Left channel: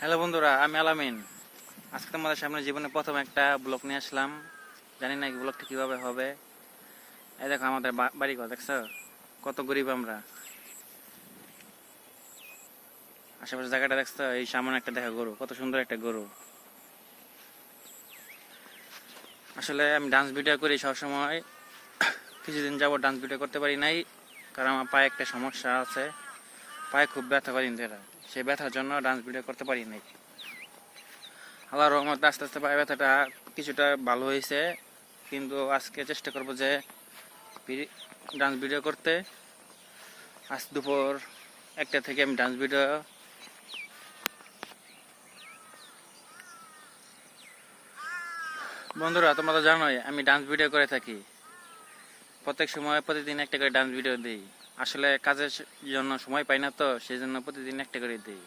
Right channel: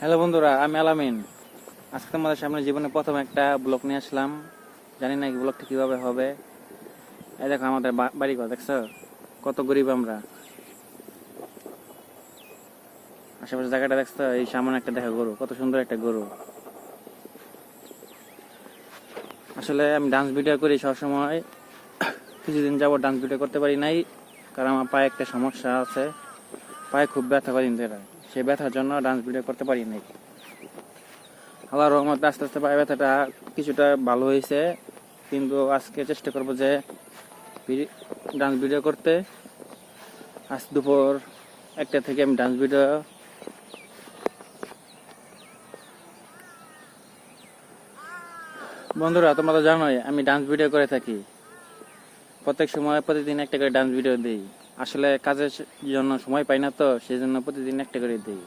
Hello বন্ধুরা, আমি আলামিন। আজকে তোমাদের সামনে জীবনে প্রথম একটা ব্লগ নিয়ে আসলাম। জানি না এই ব্লগটা কিভাবে হবে। এই দেখো আমাদের বাড়ি ঘর, দেখছো কত গরিব আমরা। আশেপাশে জায়গাটা দেখছো, এই সামনে একটা দেখা গরু, কত সুন্দর একটা গরু। আসলে আমি ডান্স ভিডিও করি সবসময়। কিছুদিন যাবো ডান্স ভিডিও করতে পারি নাই, কারণ আমার পায়ে একটা সমস্যা আছে। পায়ে খুব ব্যথা কদিন ধরে, সেই ব্যথার জন্য ডান্স ভিডিও করতে পারি নাই। আল্লাহর রহমতে আস্তে আস্তে পায়ে ব্যথাটা কিছুটা ভালো হয়েছে, কিন্তু আজকে চেষ্টা করবো যে ডান্স ভিডিও করতে। আজ দুপুর 1টা থেকে আমি ডান্স ভিডিও। বন্ধুরা, তোমরা তো জানোই আমি ডান্স ভিডিও করে থাকি। প্রত্যেক সময় প্রতিদিন একটা করে ডান্স ভিডিও দিই। আসলে কাজের জন্য সময় পাই না, তো সেই জন্য প্রতিদিন একটা করে দিই।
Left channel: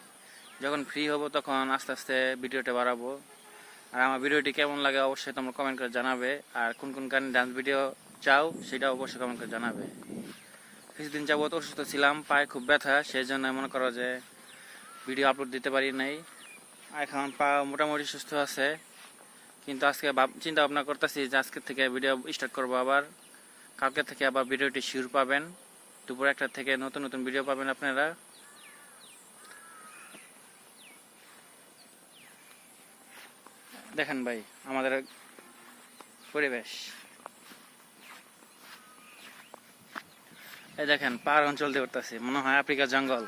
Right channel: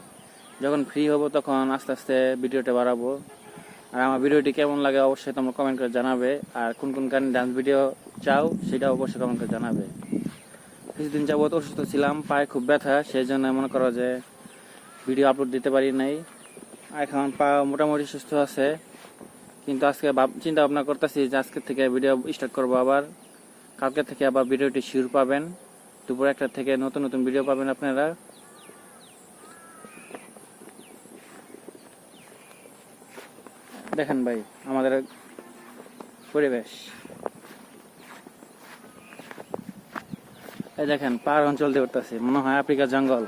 যখন ফ্রি হব তখন আস্তে আস্তে ভিডিওটা বাড়াবো। আর আমার ভিডিওটি কেমন লাগে অবশ্যই তোমরা কমেন্ট করে জানাবে। আর কোন কোন গানে ডান্স ভিডিও চাও সেটা অবশ্যই কমেন্ট করে জানাবে। কিছুদিন যাবত অসুস্থ ছিলাম, পায়ে খুব ব্যথা, সেই জন্য মনে করো যে ভিডিও আপলোড দিতে পারি নাই। এখন পা মোটামুটি সুস্থ আছে, কিন্তু আজকে চিন্তা ভাবনা করতেছি যে আজকে থেকে ভিডিও স্টার্ট করবো আবার। কালকে থেকে আবার ভিডিওটি শিওর পাবেন। দুপুর 1টা থেকে নতুন নতুন ভিডিও পাবেন আপনারা। দেখেন ভাই আমাদের পরিবেশ, এই দেখেন পাহাড় অঞ্চল দিয়ে উঠতেছি, মনে হয় আফ্রিকার জঙ্গল।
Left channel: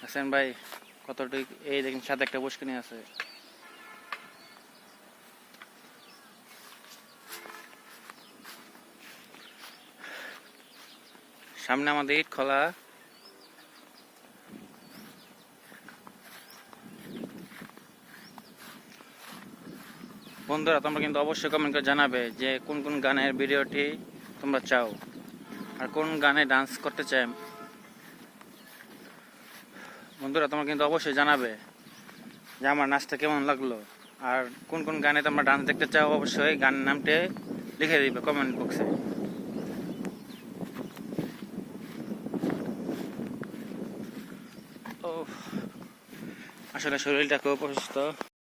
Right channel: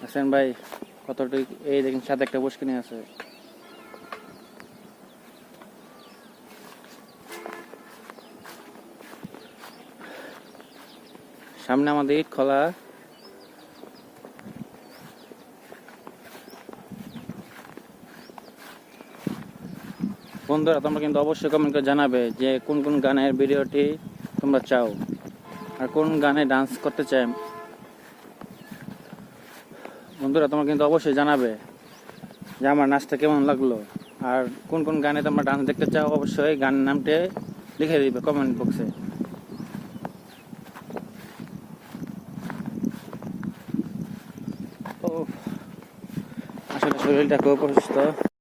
হাসান ভাই কতটুকু, এই দেখেন সাথে একটা পুষ্কিনি আছে। সামনে আমাদের ইট খোলা। বন্ধুরা, তোমরা কিন্তু অবশ্যই কমেন্ট করে জানাবে যে কোন কোন গানের ভিডিওটি তোমরা চাও আর কোন গানে ডান্স করতে চাই। বন্ধুরা, তোমরা কিন্তু অবশ্যই জানাবে যে আমার নাচটা কেমন লাগলো আর কোন কোন গানে তোমরা ডান্স দেখতে চাও। অবশ্যই গানের নামটি লিখে দিবে কমেন্ট বক্সে। ও আসলে শরীরটা খুব অসুস্থ।